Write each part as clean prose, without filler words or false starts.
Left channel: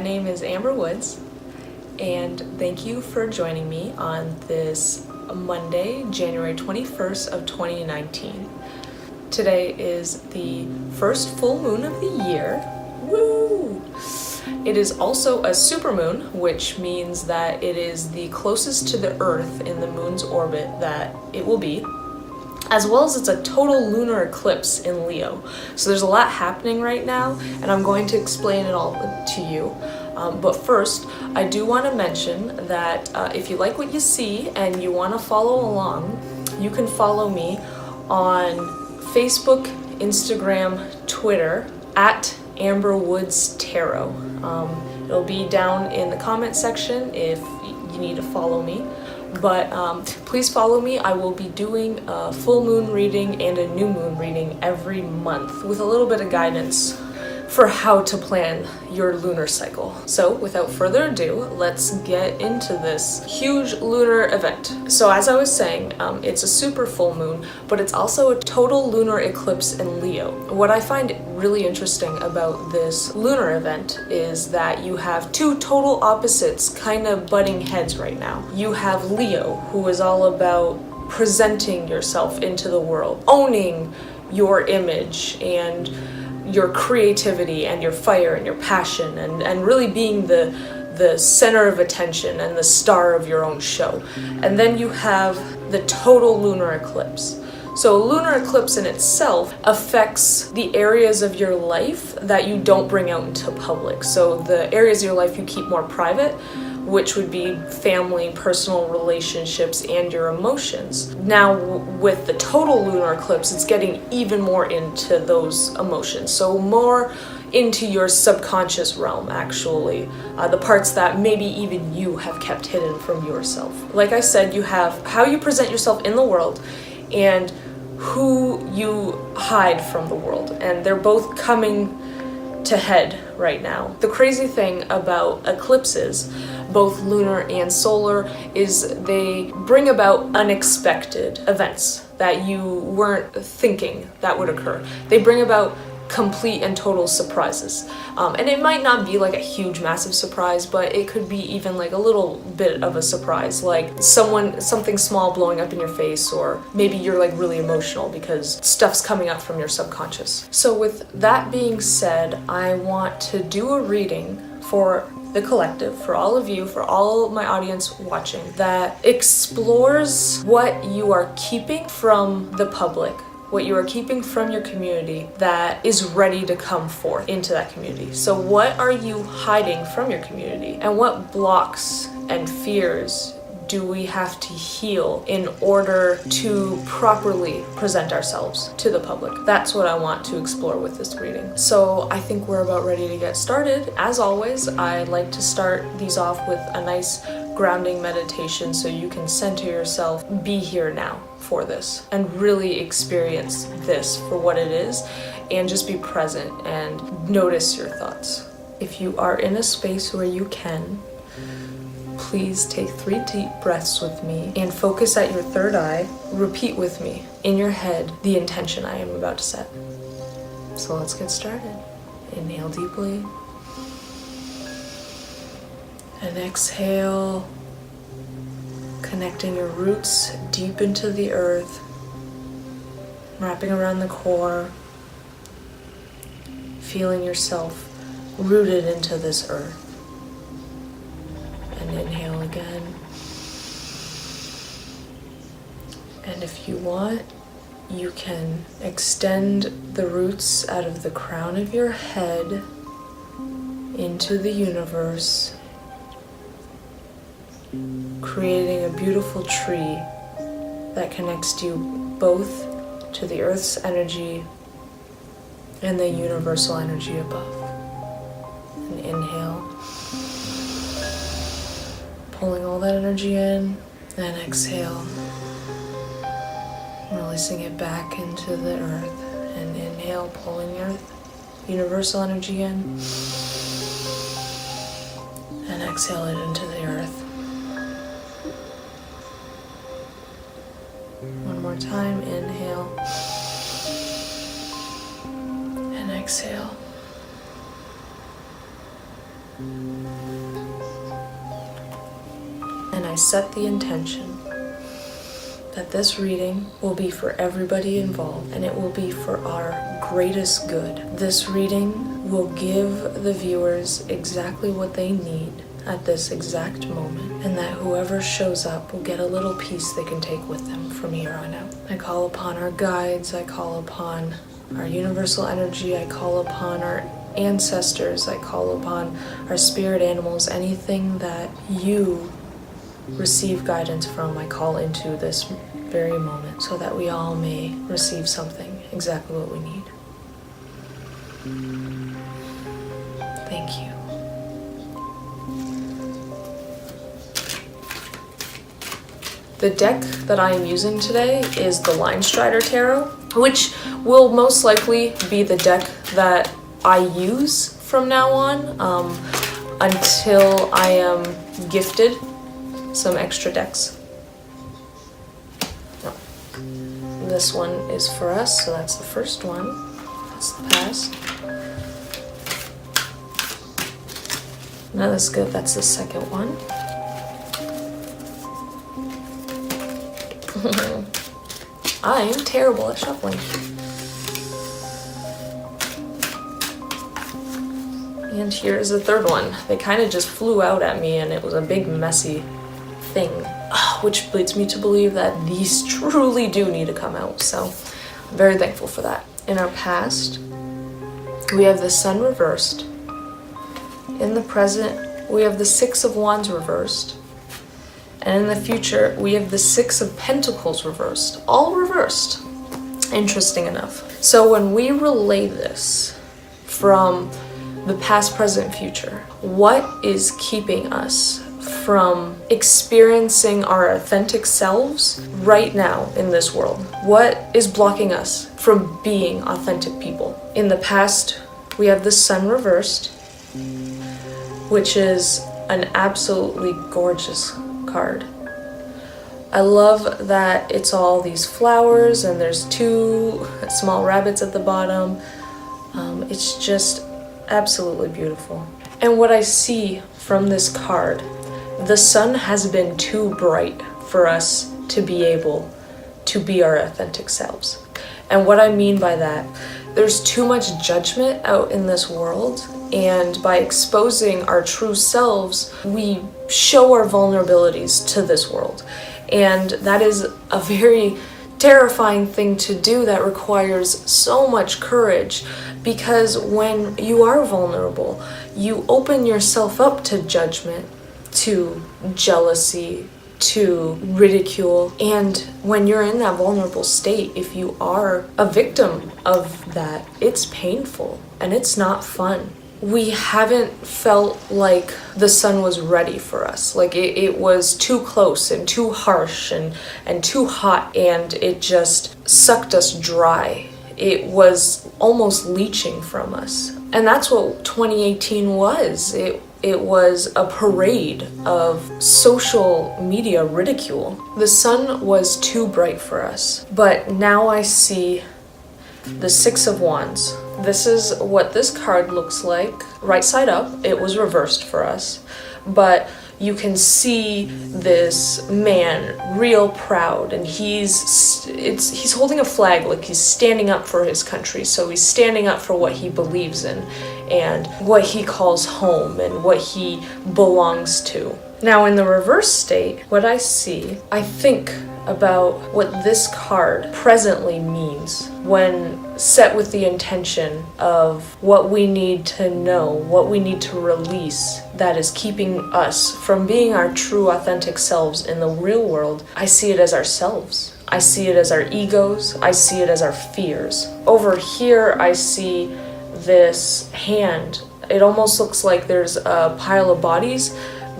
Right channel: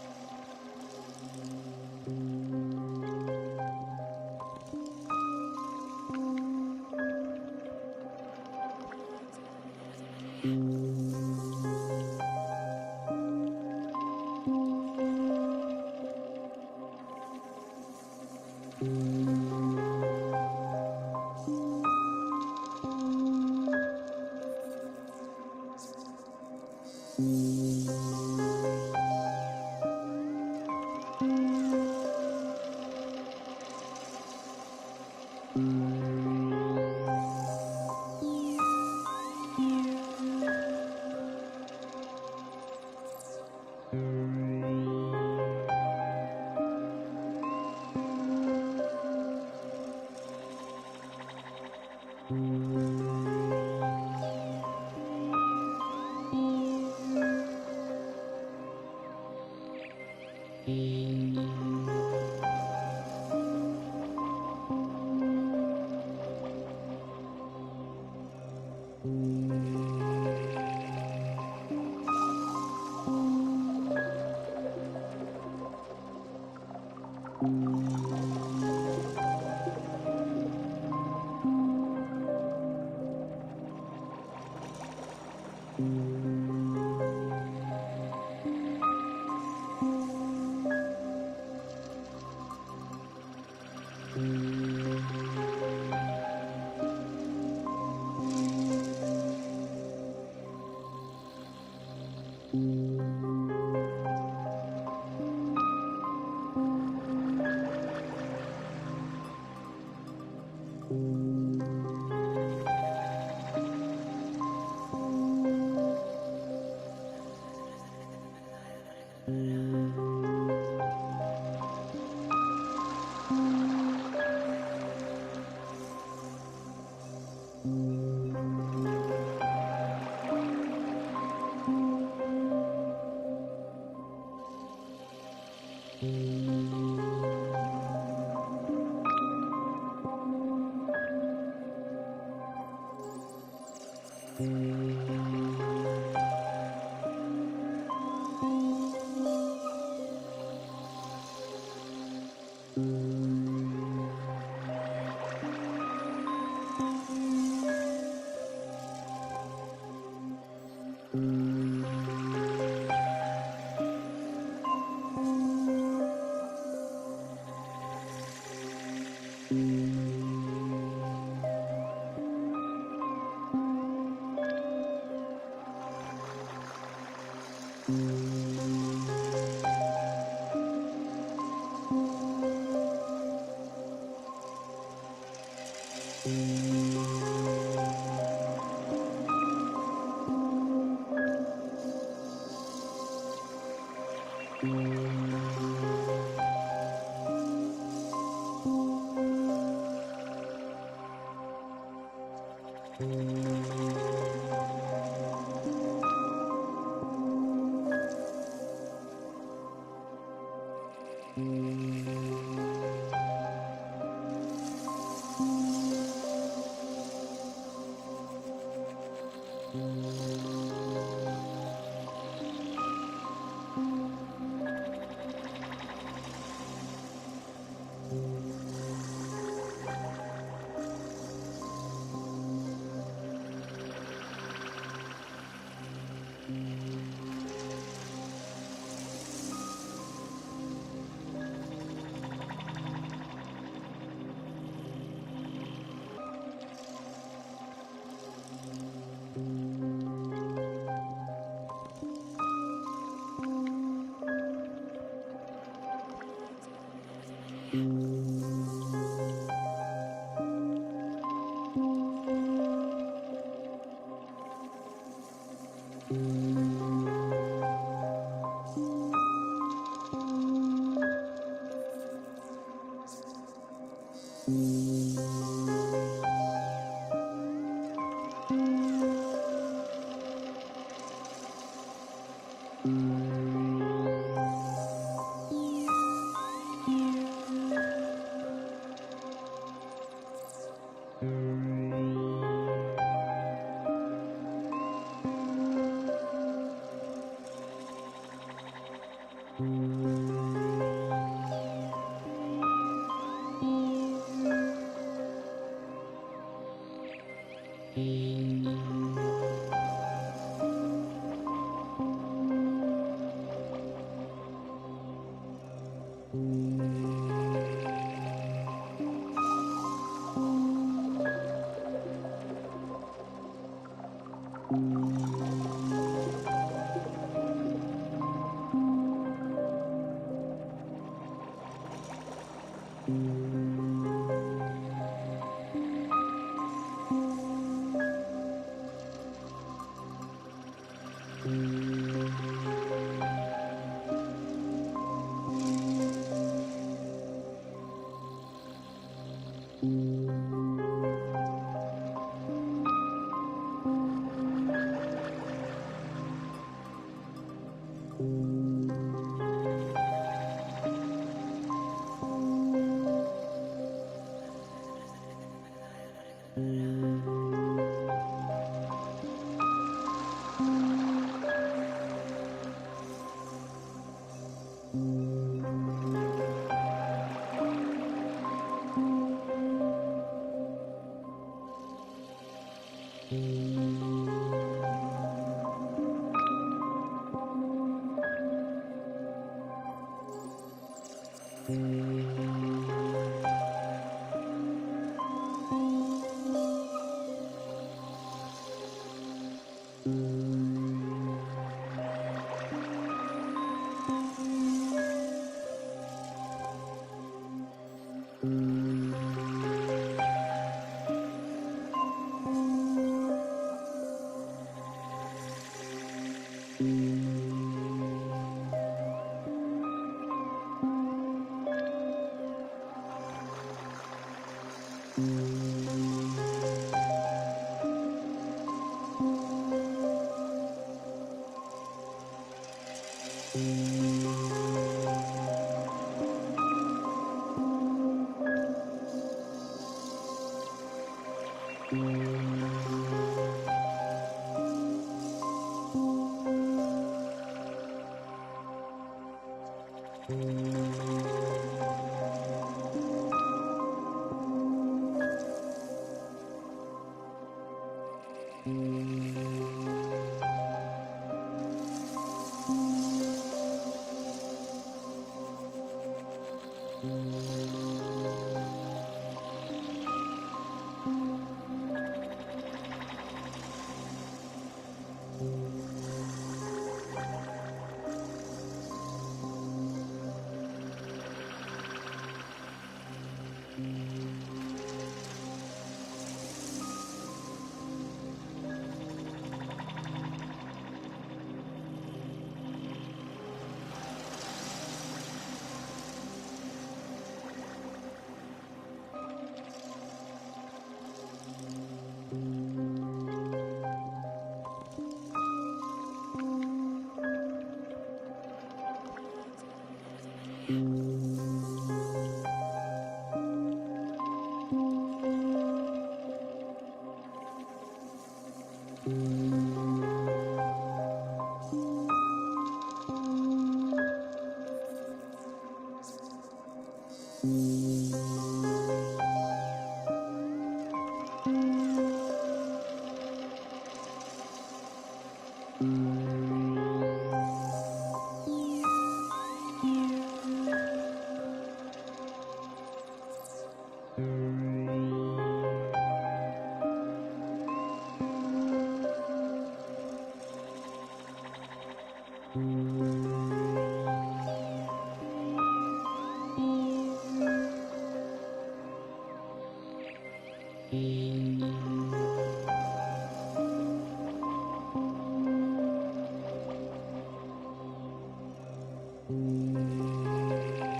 my name is Amber Woods, and thank you for joining me on this Monday, January 21st of 2019. Today is the first full moon of the year. Woo! It is also a supermoon, which means that it is the closest to the Earth in the moon's orbit that it will be, as well as it's a total lunar eclipse in Leo. So there's a lot happening right now, and I'm going to explain it all to you. But first, I do want to mention that if you like what you see and you want to follow along, you can follow me on Facebook, Instagram, Twitter, at Amber Woods Tarot. It'll be down in the comment section if you need to follow me. But please follow me. I will be doing a full moon reading and a new moon reading every month with a little bit of guidance for how to plan your lunar cycle. So without further ado, let's get into this huge lunar event. So as I was saying, it's a super full moon, but it's also a total lunar eclipse in Leo. What I find really interesting about this lunar event is that you have two total opposites kind of butting heads right now. You have Leo, who is all about presenting yourself into the world, owning your image and your creativity and your fire and your passion and really being the center of attention and the star of your own show. And then you have the total lunar eclipse. So a lunar eclipse in itself affects the areas of your life that you don't bring out into public. So the areas of your life you keep more private, which would be family, personal relationships, and your emotions. Now with the total lunar eclipse, it's getting even more into those emotions. So more into your subconscious realm, actually. The parts that maybe even you have kept hidden from yourself. Like I said, you have how you present yourself in the world and who you hide from the world. And they're both coming to head right now. The crazy thing about eclipses, both lunar and solar, is they bring about unexpected events that you weren't thinking that would occur. They bring about complete and total surprises. And it might not be like a huge massive surprise, but it could be even like a little bit of a surprise, like something small blowing up in your face, or maybe you're like really emotional because stuff's coming up from your subconscious. So with that being said, I want to do a reading for the collective, for all of you, for all my audience watching, that explores what you are keeping from the public, what you are keeping from your community that is ready to come forth into that community. So what are you hiding from your community? And what blocks and fears do we have to heal in order to properly present ourselves to the public? That's what I want to explore with this reading. So I think we're about ready to get started. As always, I like to start these off with a nice grounding meditation so you can center yourself, be here now for this, and really experience this for what it is, and just be present and notice your thoughts. If you are in a space where you can, please take 3 deep breaths with me and focus at your third eye. Repeat with me in your head the intention I am about to set. So let's get started. Inhale deeply. And exhale, connecting your roots deep into the earth, wrapping around the core, feeling yourself rooted into this earth. And inhale again. And if you want, you can extend the roots out of the crown of your head into the universe, creating a beautiful tree that connects you both to the earth's energy and the universal energy above. And inhale, pulling all that energy in, and exhale, releasing it back into the earth. And inhale, pulling your universal energy in, and exhale it into the earth. One more time, inhale, and exhale. set the intention that this reading will be for everybody involved, and it will be for our greatest good. This reading will give the viewers exactly what they need at this exact moment, and that whoever shows up will get a little piece they can take with them from here on out. I call upon our guides, I call upon our universal energy, I call upon our ancestors, I call upon our spirit animals, anything that you receive guidance from, I call into this very moment, so that we all may receive something, exactly what we need. Thank you. The deck that I am using today is the Line Strider Tarot, which will most likely be the deck that I use from now on until I am gifted some extra decks. No. This one is for us, so that's the first one. That's the past. No, that's good. That's the second one. I am terrible at shuffling. And here's the third one. They kind of just flew out at me, and it was a big messy thing, which leads me to believe that these truly do need to come out, so I'm very thankful for that. In our past, we have the Sun reversed. In the present, we have the Six of Wands reversed. And in the future, we have the Six of Pentacles reversed. All reversed. Interesting enough. So when we relay this from the past, present, future, what is keeping us from experiencing our authentic selves right now in this world? What is blocking us from being authentic people? In the past, we have the Sun reversed, which is an absolutely gorgeous card. I love that it's all these flowers and there's two small rabbits at the bottom. It's just absolutely beautiful. And what I see from this card, the sun has been too bright for us to be able to be our authentic selves. And what I mean by that, there's too much judgment out in this world, and by exposing our true selves, we show our vulnerabilities to this world. And that is a very terrifying thing to do that requires so much courage, because when you are vulnerable, you open yourself up to judgment, to jealousy, to ridicule. And when you're in that vulnerable state, if you are a victim of that, it's painful and it's not fun. We haven't felt like the sun was ready for us. Like it was too close and too harsh and too hot, and it just sucked us dry. It was almost leeching from us. And that's what 2018 was. It was a parade of social media ridicule. The sun was too bright for us. But now I see the Six of Wands. This is what this card looks like. Right side up, it was reversed for us. But you can see this man real proud, and he's holding a flag, like he's standing up for his country. So he's standing up for what he believes in and what he calls home and what he belongs to. Now in the reverse state, what I see, I think about what this card presently means when set with the intention of what we need to know, what we need to release that is keeping us from being our true authentic selves in the real world. I see it as ourselves. I see it as our egos. I see it as our fears. Over here, I see this hand. It almost looks like there's a pile of bodies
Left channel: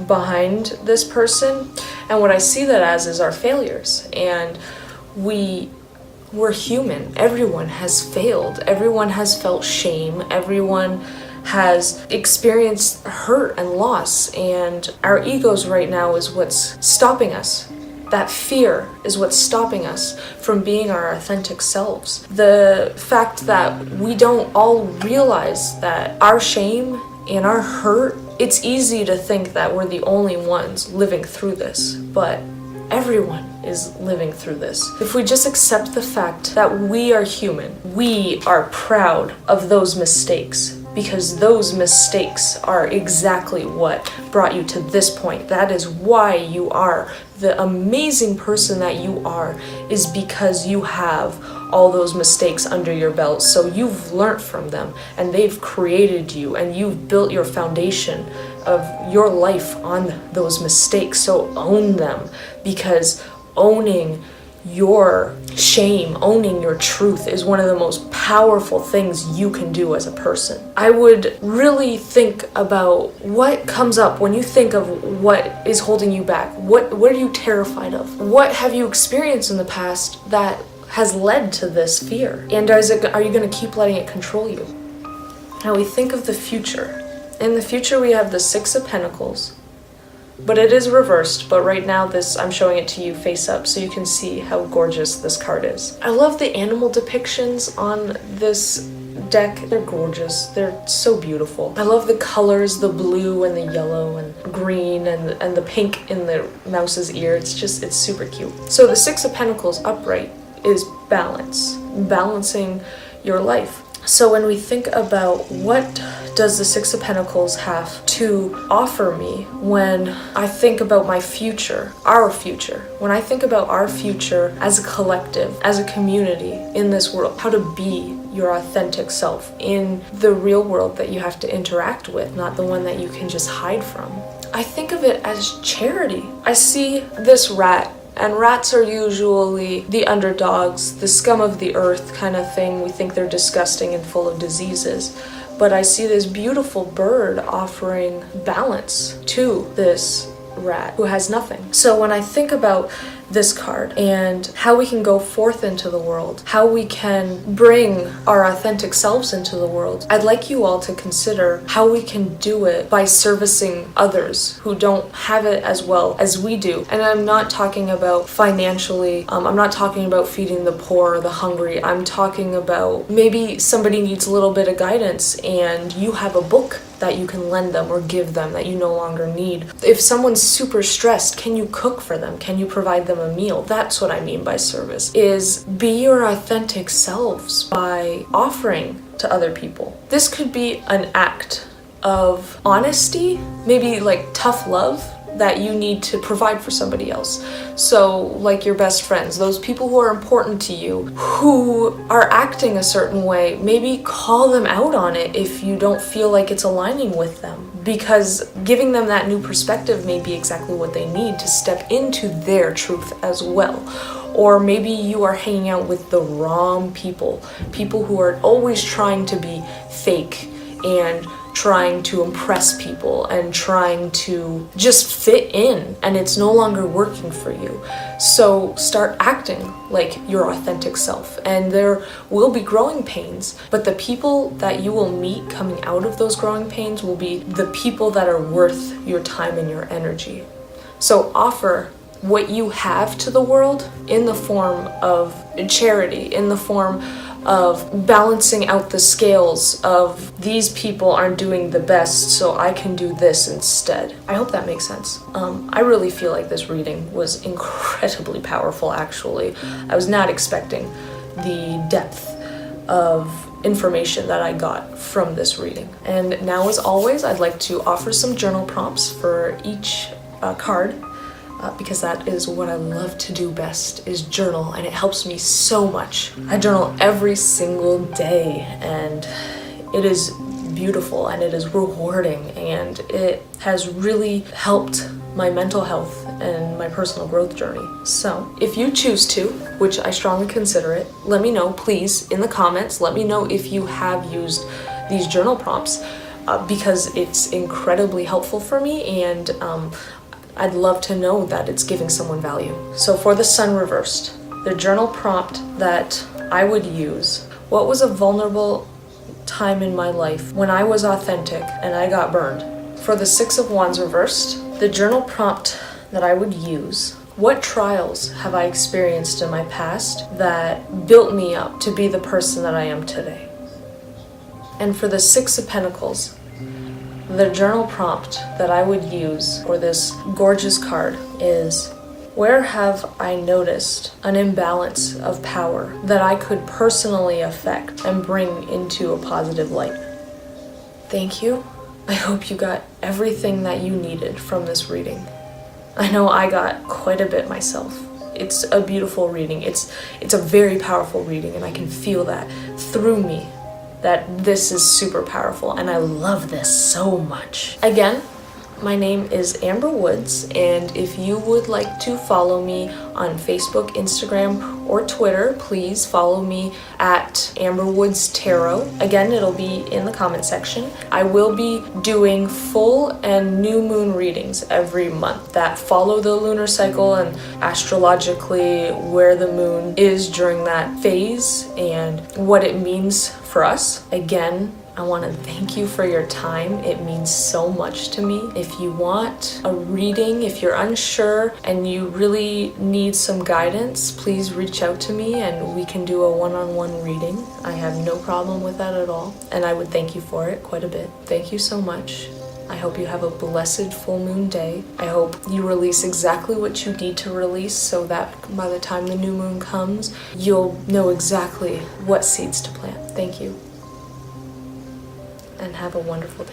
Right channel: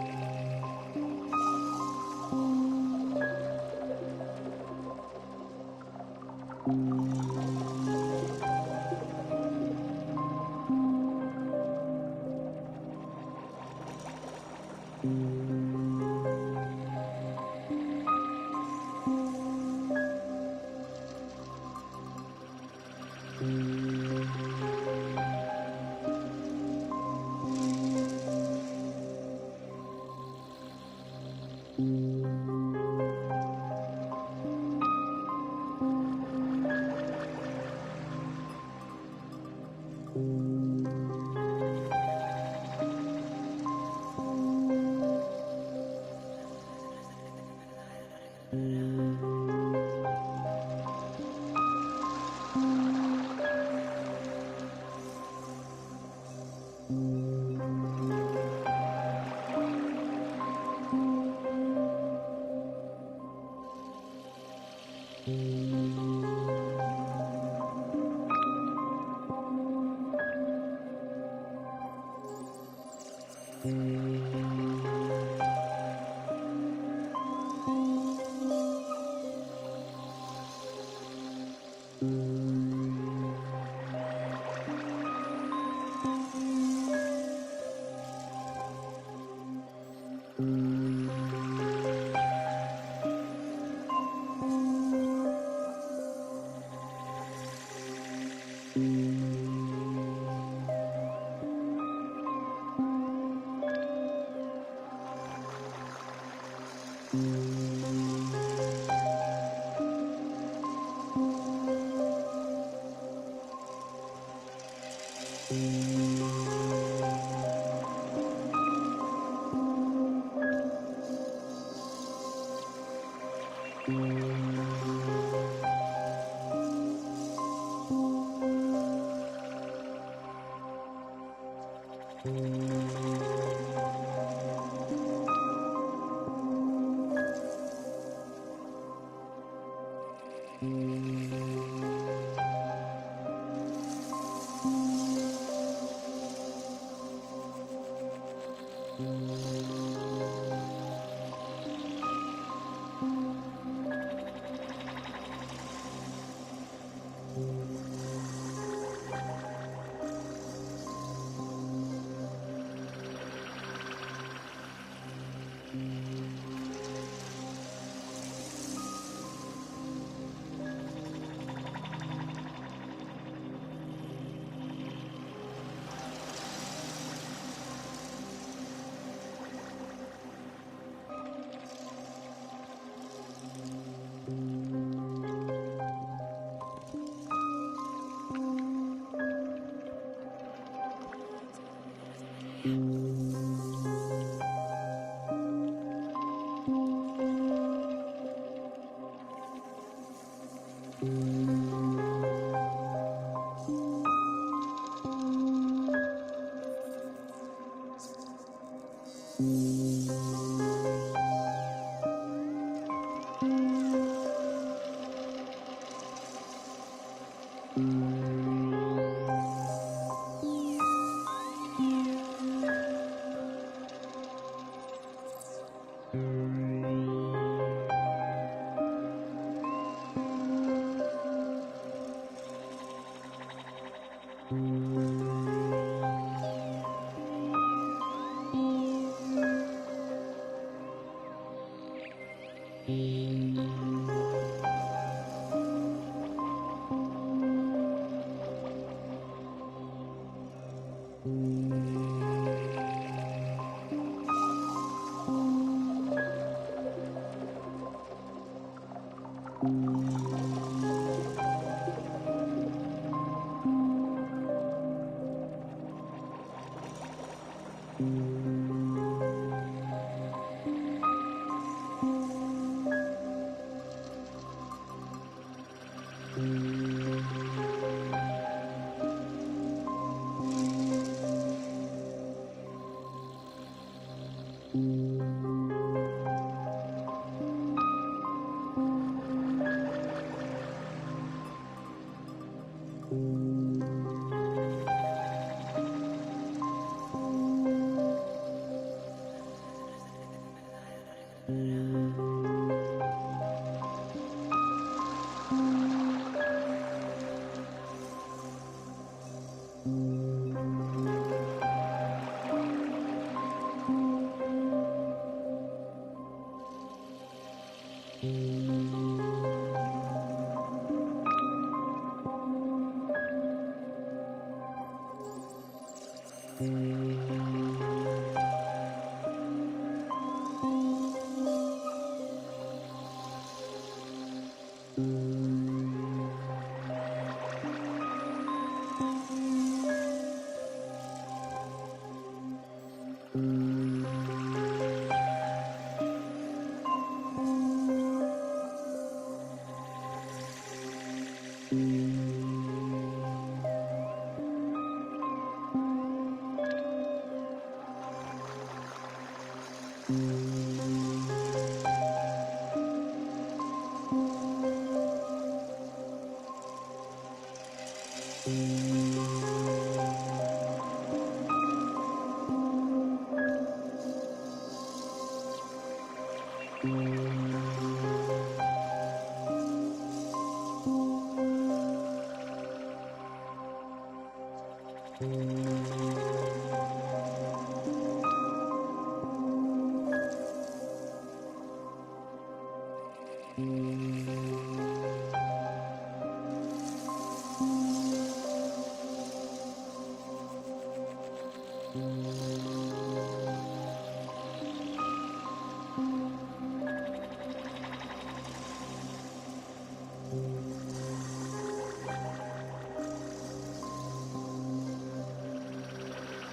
behind this person, and what I see that as is our failures. And we're human. Everyone has failed. Everyone has felt shame. Everyone has experienced hurt and loss, and our egos right now is what's stopping us. That fear is what's stopping us from being our authentic selves. The fact that we don't all realize that our shame and our hurt, it's easy to think that we're the only ones living through this, but everyone is living through this. If we just accept the fact that we are human, we are proud of those mistakes, because those mistakes are exactly what brought you to this point. That is why you are the amazing person that you are, is because you have all those mistakes under your belt. So you've learned from them, and they've created you, and you've built your foundation of your life on those mistakes. So own them, because owning your shame, owning your truth is one of the most powerful things you can do as a person. I would really think about what comes up when you think of what is holding you back. What are you terrified of? What have you experienced in the past that has led to this fear? And are you going to keep letting it control you? Now we think of the future. In the future we have the Six of Pentacles, but it is reversed. But right now I'm showing it to you face up so you can see how gorgeous this card is. I love the animal depictions on this deck. They're gorgeous. They're so beautiful. I love the colors, the blue and the yellow and green and the pink in the mouse's ear. It's super cute. So the Six of Pentacles upright is balance, balancing your life. So when we think about what does the Six of Pentacles have to offer me when I think about my future, our future, when I think about our future as a collective, as a community in this world, how to be your authentic self in the real world that you have to interact with, not the one that you can just hide from. I think of it as charity. I see this rat, and rats are usually the underdogs, the scum of the earth kind of thing. We think they're disgusting and full of diseases. But I see this beautiful bird offering balance to this rat who has nothing. So when I think about this card and how we can go forth into the world, how we can bring our authentic selves into the world, I'd like you all to consider how we can do it by servicing others who don't have it as well as we do. And I'm not talking about financially, I'm not talking about feeding the poor or the hungry. I'm talking about maybe somebody needs a little bit of guidance and you have a book that you can lend them or give them that you no longer need. If someone's super stressed, can you cook for them? Can you provide them a meal? That's what I mean by service, is be your authentic selves by offering to other people. This could be an act of honesty, maybe like tough love that you need to provide for somebody else. So like your best friends, those people who are important to you, who are acting a certain way, maybe call them out on it if you don't feel like it's aligning with them, because giving them that new perspective may be exactly what they need to step into their truth as well. Or maybe you are hanging out with the wrong people who are always trying to be fake and trying to impress people and trying to just fit in, and it's no longer working for you. So start acting like your authentic self, and there will be growing pains, but the people that you will meet coming out of those growing pains will be the people that are worth your time and your energy. So offer what you have to the world in the form of charity, in the form of balancing out the scales of these people aren't doing the best, so I can do this instead. I hope that makes sense. I really feel like this reading was incredibly powerful, actually. I was not expecting the depth of information that I got from this reading. And now, as always, I'd like to offer some journal prompts for each card. Because that is what I love to do best, is journal, and it helps me so much. I journal every single day, and it is beautiful and it is rewarding, and it has really helped my mental health and my personal growth journey. So if you choose to, which I strongly consider it, let me know, please, in the comments. Let me know if you have used these journal prompts, because it's incredibly helpful for me, and I'd love to know that it's giving someone value. So for the Sun reversed, the journal prompt that I would use: what was a vulnerable time in my life when I was authentic and I got burned? For the Six of Wands reversed, the journal prompt that I would use: what trials have I experienced in my past that built me up to be the person that I am today? And for the Six of Pentacles, The journal prompt that I would use for this gorgeous card is, where have I noticed an imbalance of power that I could personally affect and bring into a positive light? Thank you. I hope you got everything that you needed from this reading. I know I got quite a bit myself. It's a beautiful reading. It's a very powerful reading, and I can feel that through me, that this is super powerful, and I love this so much. Again, my name is Amber Woods, and if you would like to follow me on Facebook, Instagram, or Twitter, please follow me at Amber Woods Tarot. Again, it'll be in the comment section. I will be doing full and new moon readings every month that follow the lunar cycle and astrologically where the moon is during that phase and what it means for us. Again, I want to thank you for your time. It means so much to me. If you want a reading, if you're unsure and you really need some guidance, please reach out to me and we can do a one-on-one reading. I have no problem with that at all, and I would thank you for it quite a bit. Thank you so much. I hope you have a blessed full moon day. I hope you release exactly what you need to release so that by the time the new moon comes, you'll know exactly what seeds to plant. Thank you. And have a wonderful day.